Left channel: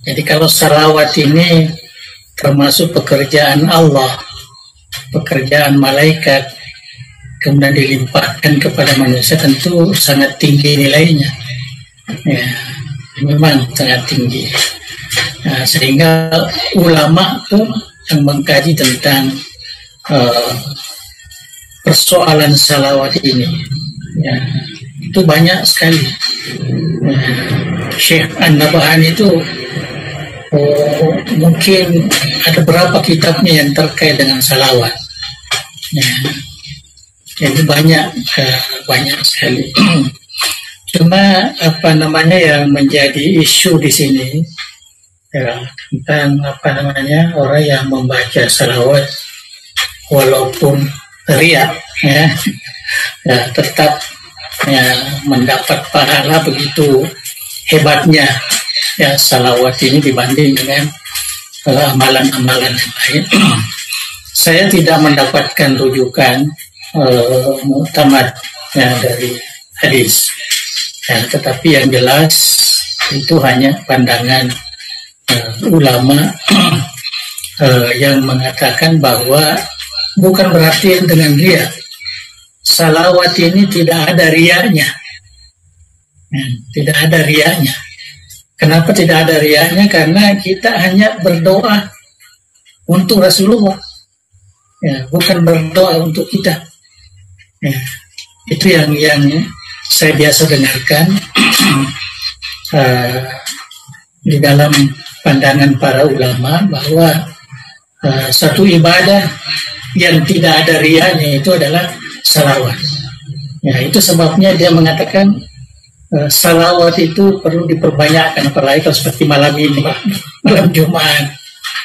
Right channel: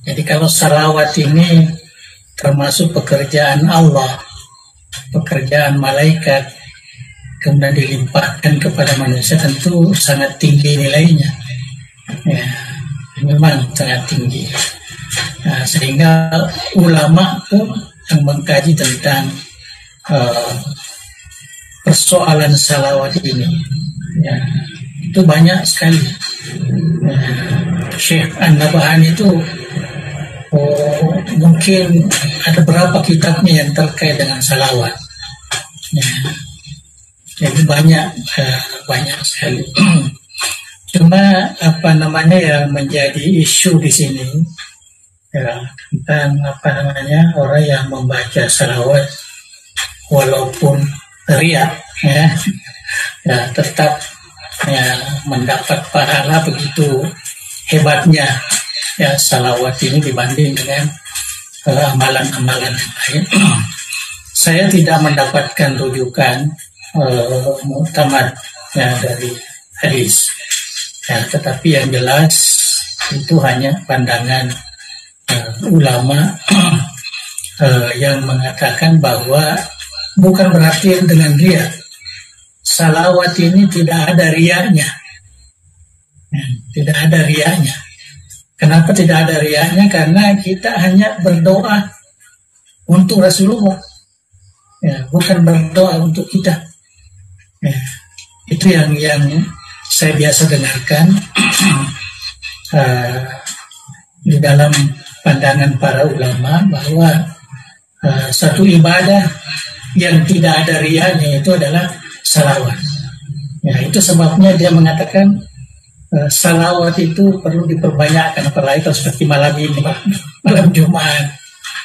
Jadi kalau salawat ini termasuk pekerjaan Allah, pekerjaan malaikat, kemudian dilimpahkan kepada manusia, tentu sangat tinggi nilainya. Ya, memang sangat tinggi. Nah, sehingga ulama pun yang mengkaji tentang persoalan salawat ini, ya, itu banyak sekali. Syekh An-Nabahani itu mungkin ada berapa kitabnya yang terkait dengan salawat. Ya, jadi banyak sekali. Cuma yang menjadi isu di sini ya, tentang orang yang membaca salawat walaupun riya, ya, tetap ya, mendapat pahala begitu hebatnya ya salawat ini dibanding dengan amalan-amalan yang lain. Saya tidak mendapatkan rujukan muktamad ya, dari hadis ya, tetapi yang jelas itu hanya pandangan ulama yang mengatakan bahwa bukan berarti dengan riya. Salawat ini tidak ada riyanya. Tidak ada riyanya. Kenapa tidak ada riyanya? Karena kita hanya berdoa untuk Rasulullah. Ya, bukan berdoa untuk kita. Ya, itu yang saya biasa dengarkan di dalam pandangan para ulama bahwa satu ibadah yang tidak ada riyanya itu adalah salawat. Ya, itu sebabnya dia mengatakan salawat itu perlu diperbanyakkan, apalagi kalau seperti malam ini, malam Jumat.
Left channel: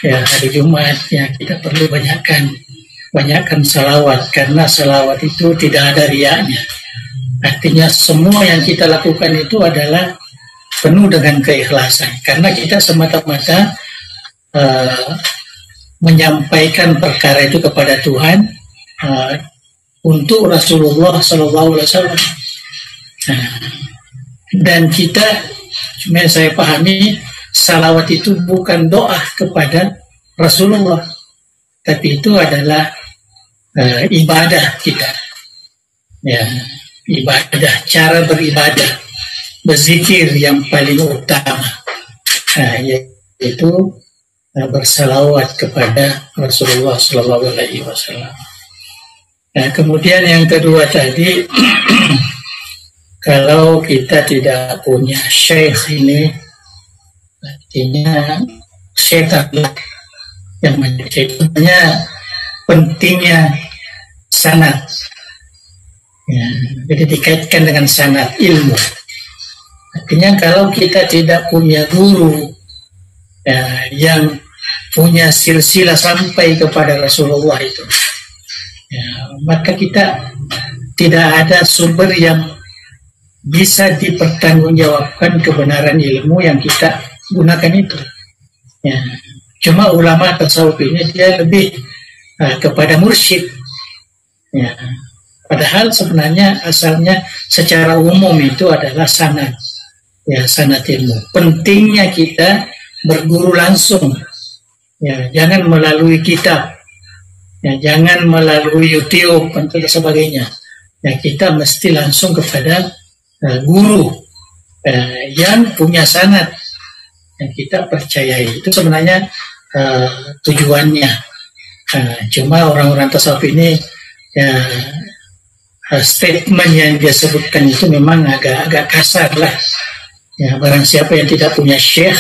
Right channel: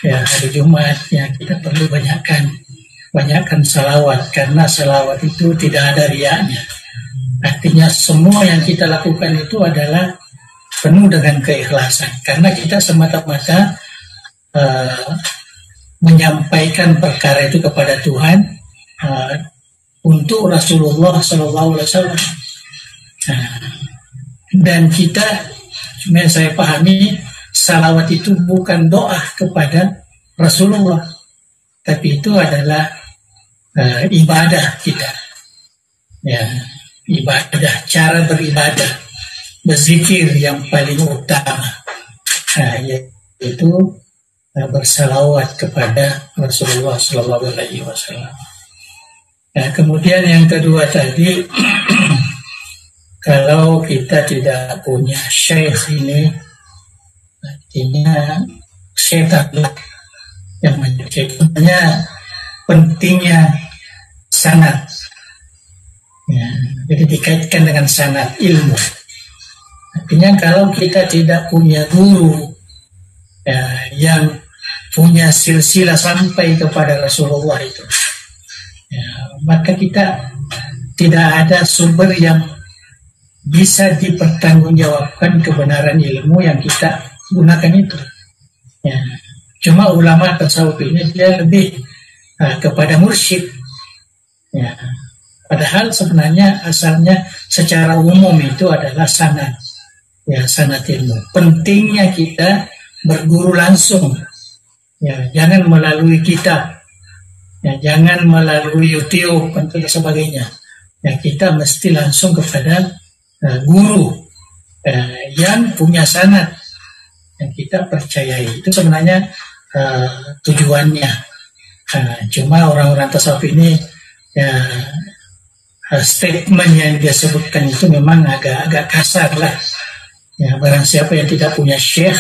Ya, hari Jumat ya kita perlu banyakkan salawat, karena salawat itu tidak ada riyanya. Artinya semua yang kita lakukan itu adalah penuh dengan keikhlasan, karena kita semata-mata menyampaikan perkara itu kepada Tuhan untuk Rasulullah SAW. Dan kita, yang saya pahami, salawat itu bukan doa kepada Rasulullah, tapi itu adalah ibadah kita. Ya, ibadah, cara beribadah, berzikir yang paling utama, yaitu bersalawat kepada Rasulullah SAW. Nah, kemudian yang kedua tadi, kalau kita tidak punya syekh ini, artinya syaitan yang menjadikannya pentingnya sanad. Ya, jadi dikaitkan dengan sanad ilmu. Artinya kalau kita tidak punya guru ya, yang punya silsilah sampai kepada Rasulullah itu, ya, maka kita tidak ada sumber yang bisa dipertanggungjawabkan kebenaran ilmu yang kita gunakan itu. Ya, cuma ulama tasawuf ini dia lebih kepada mursyid. Ya, padahal sebenarnya asalnya secara umum itu adalah sanad. Ya, sanad ilmu. Pentingnya kita berguru langsung. Ya, jangan melalui kitab. Ya, jangan melalui YouTube dan sebagainya. Ya, kita mesti langsung kepada guru yang punya sanad yang kita percayai. Itu sebenarnya tujuannya. Cuma orang-orang tasawuf ini ya, statement yang dia sebutkan itu memang agak kasar lah. Ya, barang siapa yang tidak punya syekh,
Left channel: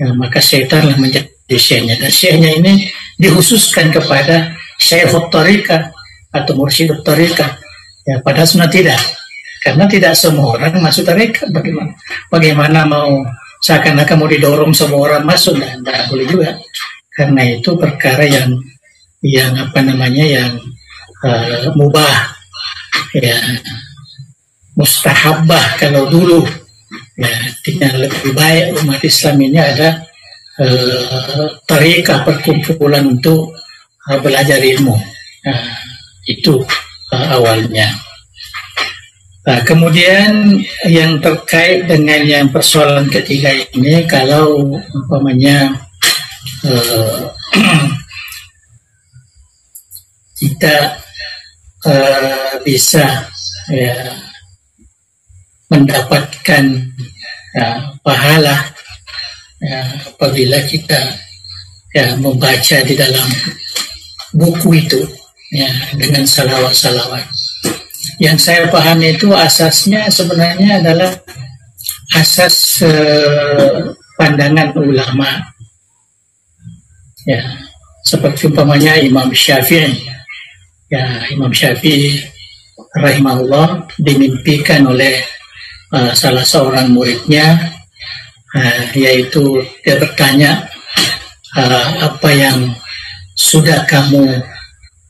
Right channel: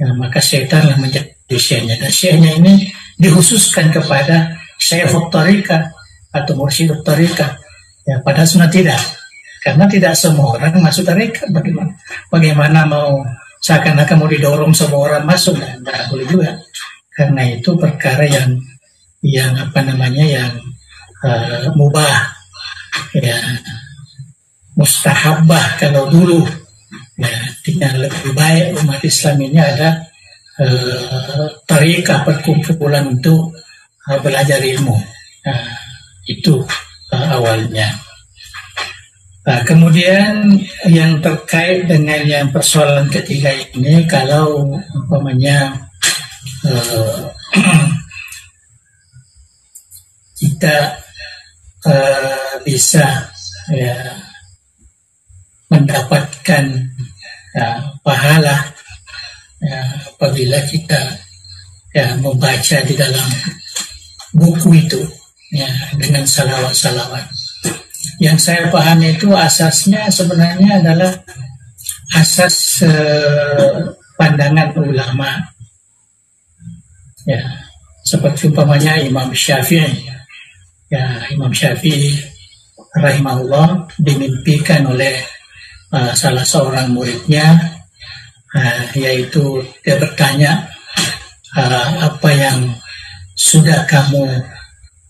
ya, maka syaitanlah menjadi syekhnya. Dan syekhnya ini dikhususkan kepada syekhut tariqah atau mursyidut tariqah. Ya, padahal sebenarnya tidak. Karena tidak semua orang masuk tarekat. Bagaimana mau seakan-akan mau didorong semua orang masuk? Nah, tidak boleh juga. Karena itu perkara yang mubah, ya, mustahabah kalau dulu. Ya, artinya lebih baik umat Islam ini ada tarekat perkumpulan untuk belajar ilmu. Itu awalnya. Kemudian yang terkait dengan yang persoalan ketiga ini, kalau umpamanya kita bisa ya, mendapatkan pahala apabila kita membaca di dalam buku itu dengan salawat-salawat. Yang saya pahami itu asasnya sebenarnya adalah asas pandangan ulama. Ya, seperti umpamanya Imam Syafi'i. Ya, Imam Syafi'i rahimahullah dimimpikan oleh salah seorang muridnya, yaitu dia bertanya, apa yang sudah kamu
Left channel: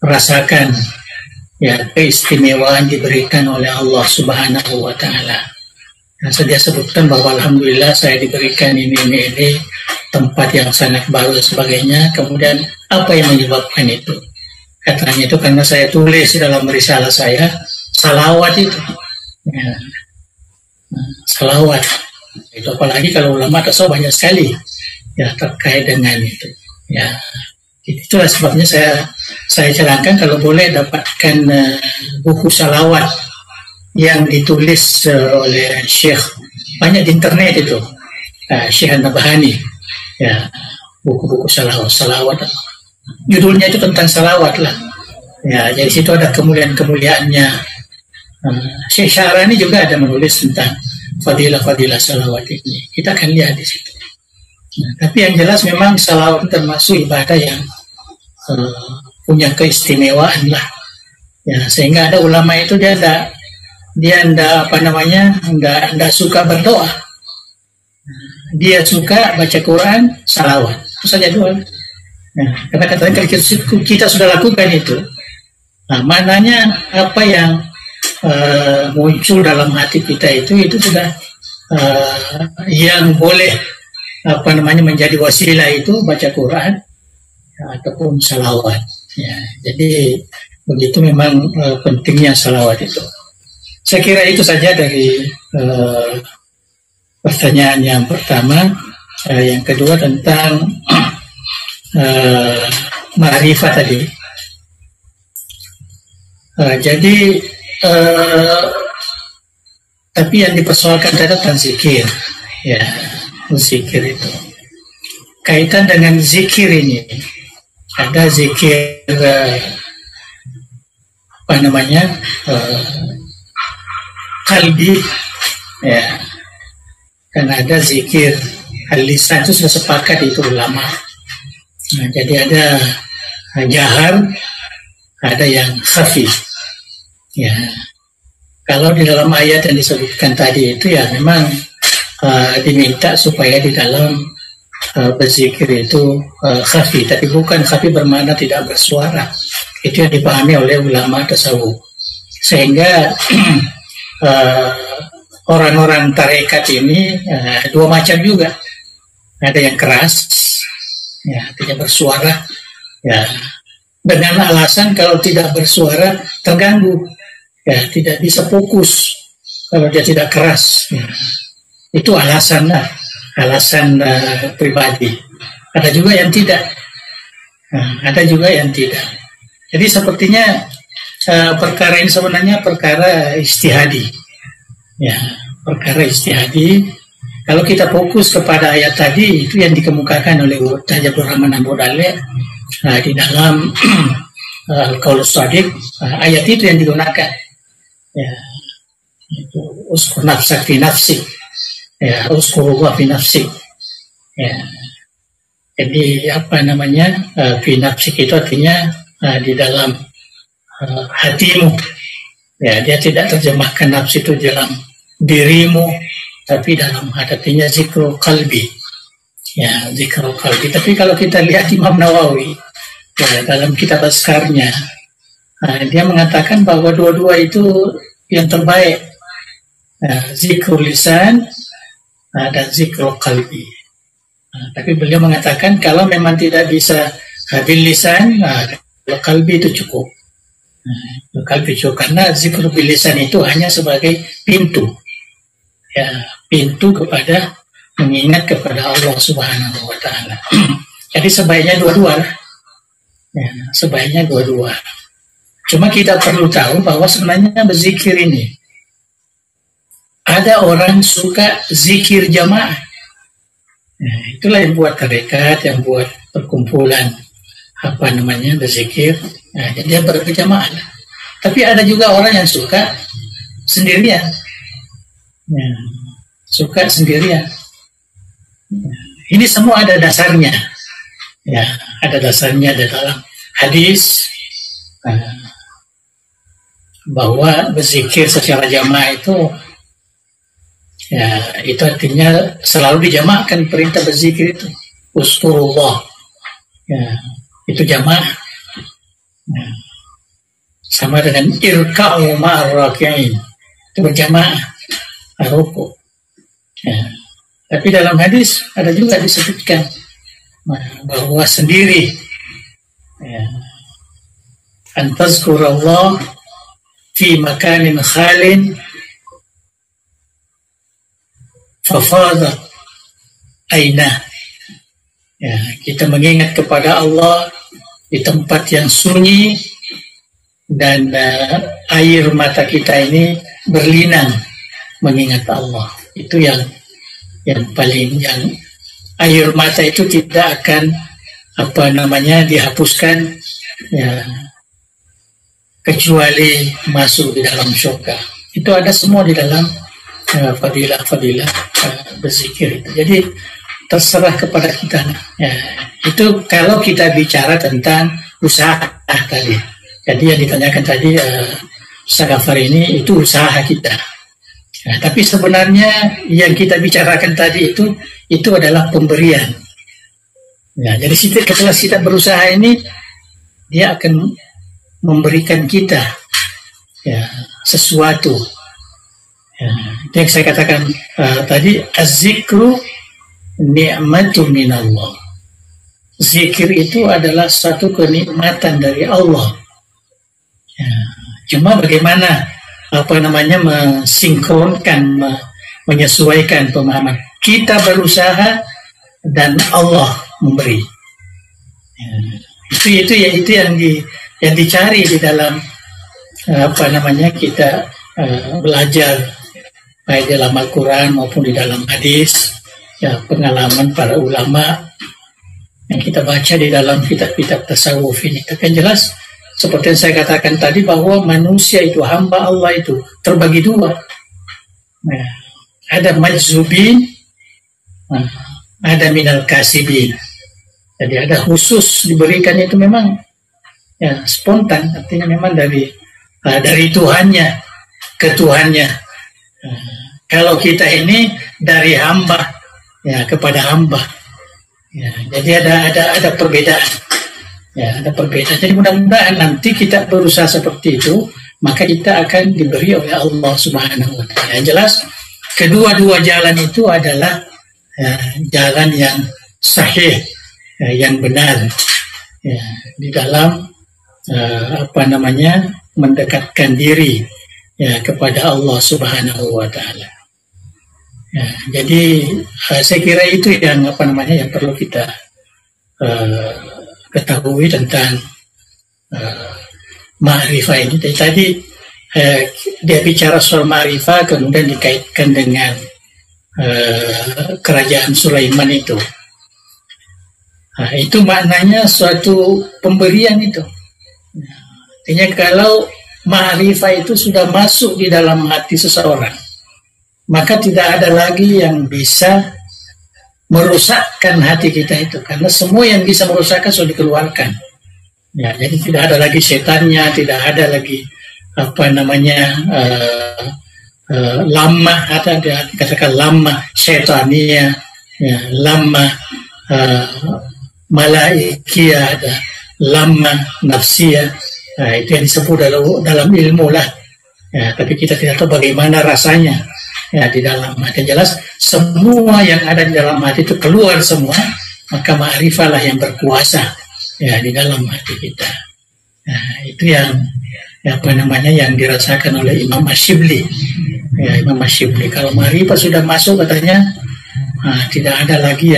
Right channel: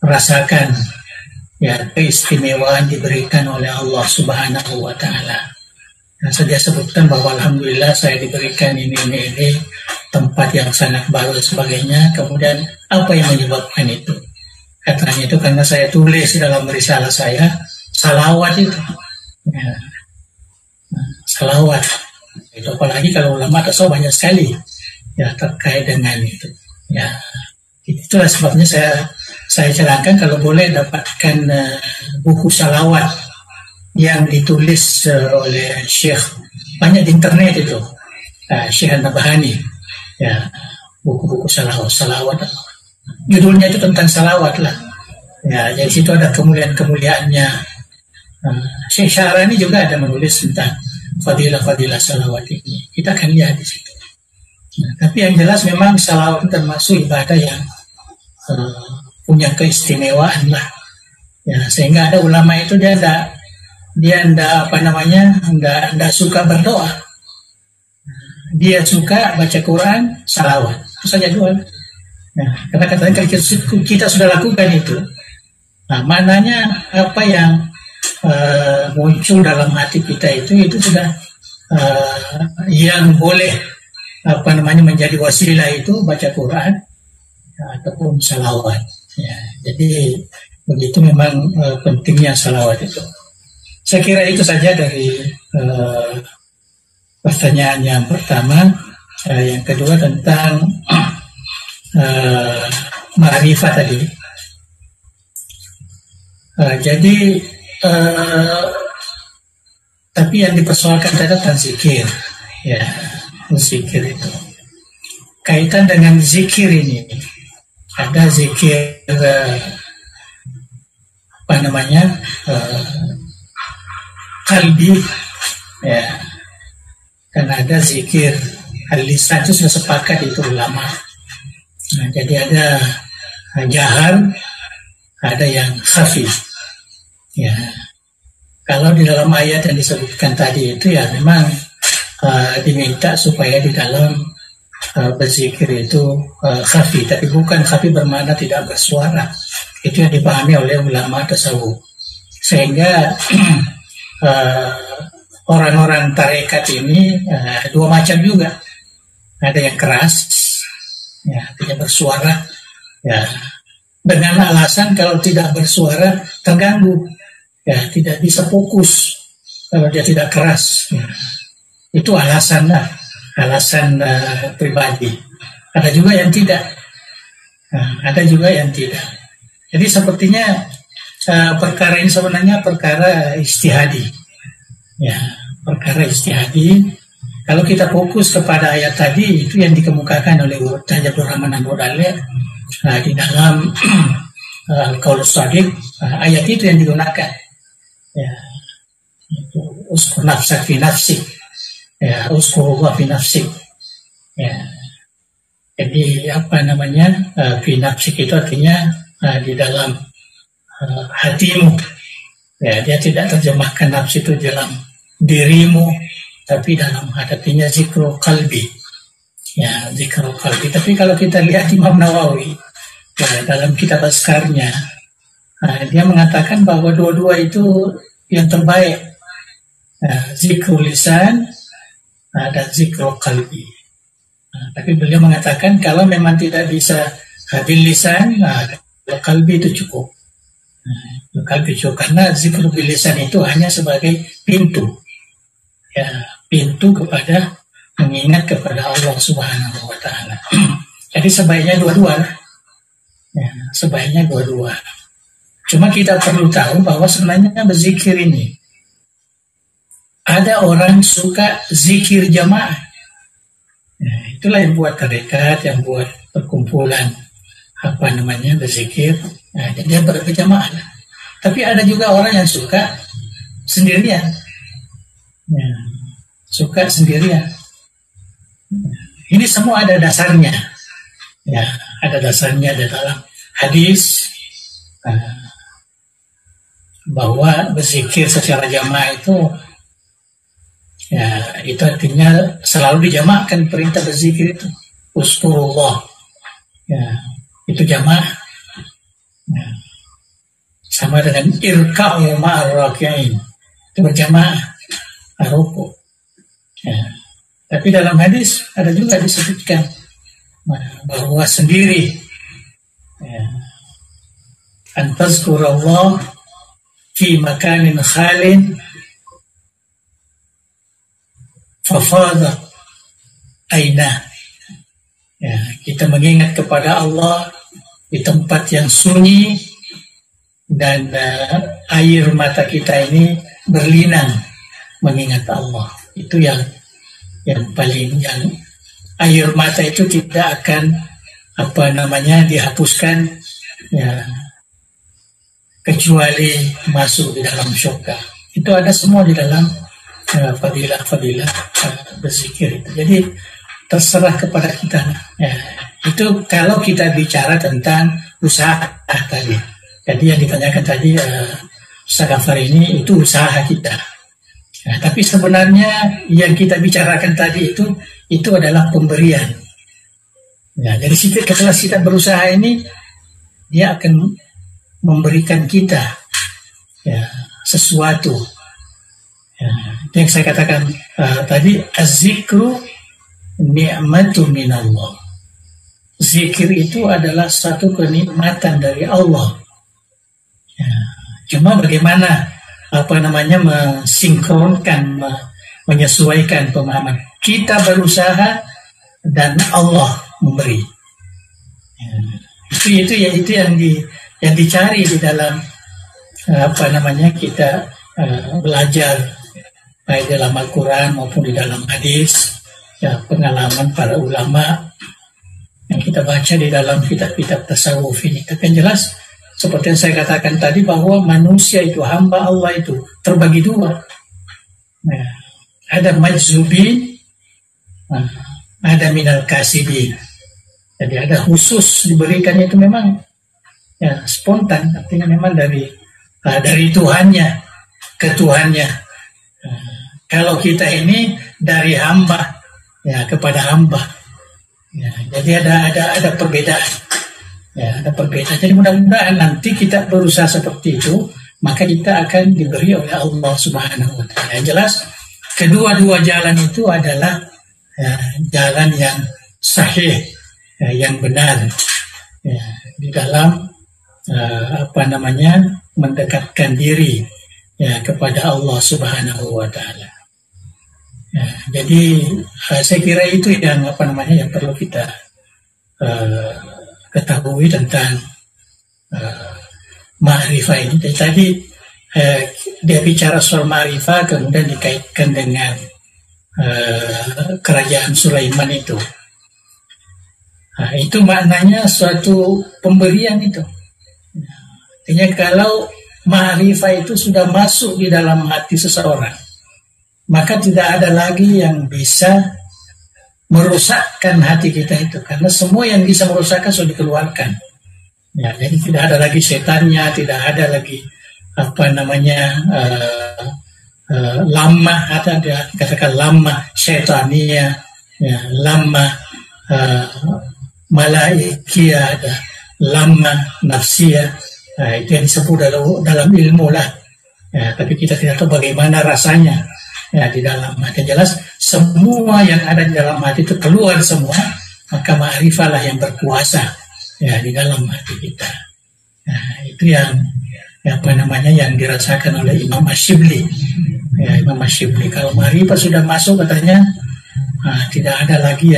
rasakan, ya, keistimewaan diberikan oleh Allah Subhanahu wa Ta'ala. Nah, dia sebutkan bahwa alhamdulillah saya diberikan ini tempat yang sangat baru dan sebagainya. Kemudian apa yang menyebabkan itu? Katanya itu karena saya tulis dalam risalah saya salawat itu. Ya. Salawat itu, apalagi kalau ulama tasawuf banyak sekali ya terkait dengan itu. Ya, itulah sebabnya saya cerahkan kalau boleh dapatkan buku salawat yang ditulis oleh Syekh, banyak di internet itu, Syekh An-Nabhani, ya, buku-buku salawat. Judulnya itu tentang salawat lah. Ya, jadi situ ada kemuliaan-kemuliaannya. Syekh Syarani juga ada menulis tentang fadilah-fadilah salawat ini. Kita akan lihat di situ. Nah, tapi yang jelas memang salawat termasuk ibadah yang punya keistimewaan lah. Ya, sehingga ada ulama itu dia enggak suka berdoa. Dia suka baca Quran, salawat. Itu saja dua. Nah, kata-kata kalau kita sudah lakukan itu, nah, mananya apa yang muncul dalam hati kita itu sudah yang boleh menjadi wasilah itu baca Quran ataupun salawat. Ya, jadi begitu memang pentingnya salawat itu. Saya kira itu saja dari pertanyaan yang pertama. Yang kedua tentang ma'rifah tadi. Jadi tapi yang dipersoalkan tentang zikir, ya, zikir itu kaitan dengan zikir ini. Ada zikir kalbi, ya, dan ada zikir al-lisan. Itu sudah sepakat itu ulama. Nah, jadi ada jahar, ada yang khafi. Ya, kalau di dalam ayat yang disebutkan tadi itu ya memang diminta supaya di dalam berzikir itu khafi, tapi bukan khafi bermakna tidak bersuara. Itu yang dipahami oleh ulama tasawuf. Sehingga orang-orang tarekat ini dua macam juga. Ada yang keras, ya, tidak bersuara, ya, dengan alasan kalau tidak bersuara terganggu, ya, tidak bisa fokus kalau dia tidak keras, ya. Itu alasan pribadi. Ada juga yang tidak, ada juga yang tidak. Jadi sepertinya perkara ini sebenarnya perkara ijtihadi, ya, perkara ijtihadi. Kalau kita fokus kepada ayat tadi itu yang dikemukakan oleh Ustaz Abdul Rahman Abu Dalil di dalam Al-Qaulus Shadiq, ayat itu yang digunakan, ya, itu uskur nafsak fi nafsik, ya, uskurullah fi nafsik, ya. Jadi fi nafsik itu artinya di dalam hatimu, ya, dia tidak terjemahkan nafsi itu dalam dirimu, tapi dalam artinya zikrul qalbi, ya, zikrul qalbi. Tapi kalau kita lihat Imam Nawawi, ya, dalam kitab Askarnya, dia mengatakan bahwa dua-dua itu yang terbaik, zikrul lisan dan zikrul qalbi. Tapi beliau mengatakan kalau memang tidak bisa bil lisan, qalbi itu cukup. Bekal picu, karena zikr bilisan itu hanya sebagai pintu, ya, pintu kepada mengingat kepada Allah Subhanahu wa Ta'ala. Jadi sebaiknya dua-dua lah. Ya, sebaiknya dua-dua. Cuma kita perlu tahu bahwa sebenarnya berzikir ini ada orang suka zikir jamaah. Nah, itulah yang buat tarekat, yang buat perkumpulan berzikir. Nah, jadi dia berjamaah. Tapi ada juga orang yang suka sendirian. Ya, suka sendirian. Ini semua ada dasarnya, ya, ada dasarnya di dalam hadis bahwa berzikir secara jamaah itu, ya, itu artinya selalu dijamaahkan perintah berzikir itu. Uskurullah, ya, itu jamaah. Ya, sama dengan irka'u ma'ar raki'in, itu berjamaah, ruku. Ya. Tapi dalam hadis ada juga disebutkan bahwa sendiri, ya, antazkurallah fi makanin khalin fafadat aina. Ya, kita mengingat kepada Allah di tempat yang sunyi dan air mata kita ini berlinang mengingat Allah. Itu yang paling, yang air mata itu tidak akan dihapuskan, ya, kecuali masuk di dalam surga. Itu ada semua di dalam fadilah-fadilah berzikir itu. Jadi terserah kepada kita. Ya, itu kalau kita bicara tentang usaha tadi. Jadi yang ditanyakan tadi Sagafar ini itu usaha kita. Nah, tapi sebenarnya yang kita bicarakan tadi itu adalah pemberian. Ya, jadi ketika kita berusaha ini, dia akan memberikan kita, ya, sesuatu. Ya, itu yang saya katakan tadi, az-zikru ni'matun minallah. Zikir itu adalah satu kenikmatan dari Allah. Ya, cuma bagaimana mensinkronkan, menyesuaikan pemahaman. Kita berusaha dan Allah memberi. Ya, itu yang dicari di dalam kita belajar baik dalam Al-Quran maupun di dalam hadis, ya, pengalaman para ulama yang kita baca di dalam kitab-kitab tasawuf ini. Itu kan jelas seperti yang saya katakan tadi bahwa manusia itu, hamba Allah itu terbagi dua. Nah, ada majzubin, ada minal kasibin. Jadi ada khusus diberikan itu memang, ya, spontan, artinya memang dari Tuhannya ke Tuhannya. Kalau kita ini dari hamba, ya, kepada hamba. Ya, jadi ada perbedaan. Ya, ada perbedaan. Jadi mudah-mudahan nanti kita berusaha seperti itu, maka kita akan diberi oleh Allah Subhanahu wa Ta'ala. Yang jelas, kedua-dua jalan itu adalah, ya, jalan yang sahih, ya, yang benar, ya, di dalam mendekatkan diri, ya, kepada Allah Subhanahu wa Ta'ala. Ya, jadi saya kira itu yang yang perlu kita ketahui tentang ma'rifah ini. Tadi dia bicara soal ma'rifah, kemudian dikaitkan dengan kerajaan Sulaiman itu. Nah, itu maknanya suatu pemberian itu. Artinya kalau ma'rifah itu sudah masuk di dalam hati seseorang, maka tidak ada lagi yang bisa merusakkan hati kita itu, karena semua yang bisa merusakkan sudah dikeluarkan. Ya, jadi tidak ada lagi setannya, tidak ada lagi lama, ada dikatakan lama setania, ya, lama malaikia, ada lama nafsia. Nah, itu yang disebut dalam ilmu lah. Ya, tapi kita tidak tahu bagaimana rasanya, ya, di dalam hati. Jelas semua yang ada di dalam hati itu keluar semua, maka ma'rifah lah yang berkuasa, ya, di dalam hati kita. Nah, itu yang apa namanya yang dirasakan oleh Imam Asyibli. Ya, Imam Asyibli kalau ma'rifah sudah masuk katanya, tidak ada lagi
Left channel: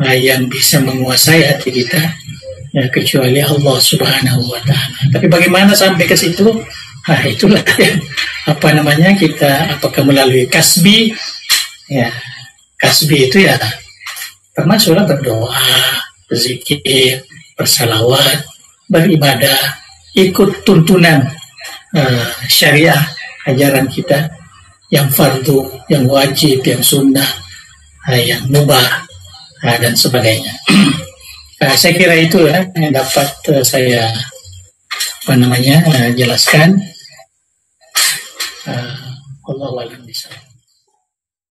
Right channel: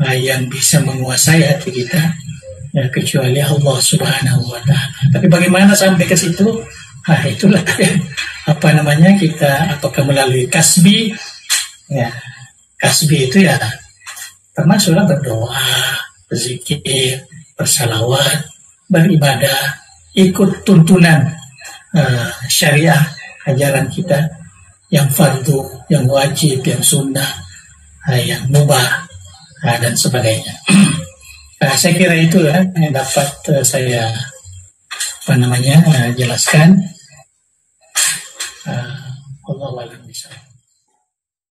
yang bisa menguasai hati kita, ya, kecuali Allah Subhanahu wa Ta'ala. Tapi bagaimana sampai ke situ? Itulah yang apa namanya kita, apakah melalui kasbi, ya, kasbi itu ya termasuklah berdoa, berzikir, bersalawat, beribadah, ikut tuntunan syariah, ajaran kita yang fardu, yang wajib, yang sunnah, yang mubah, dan sebagainya. Saya kira itu ya yang dapat saya jelaskan. Allahu a'lam.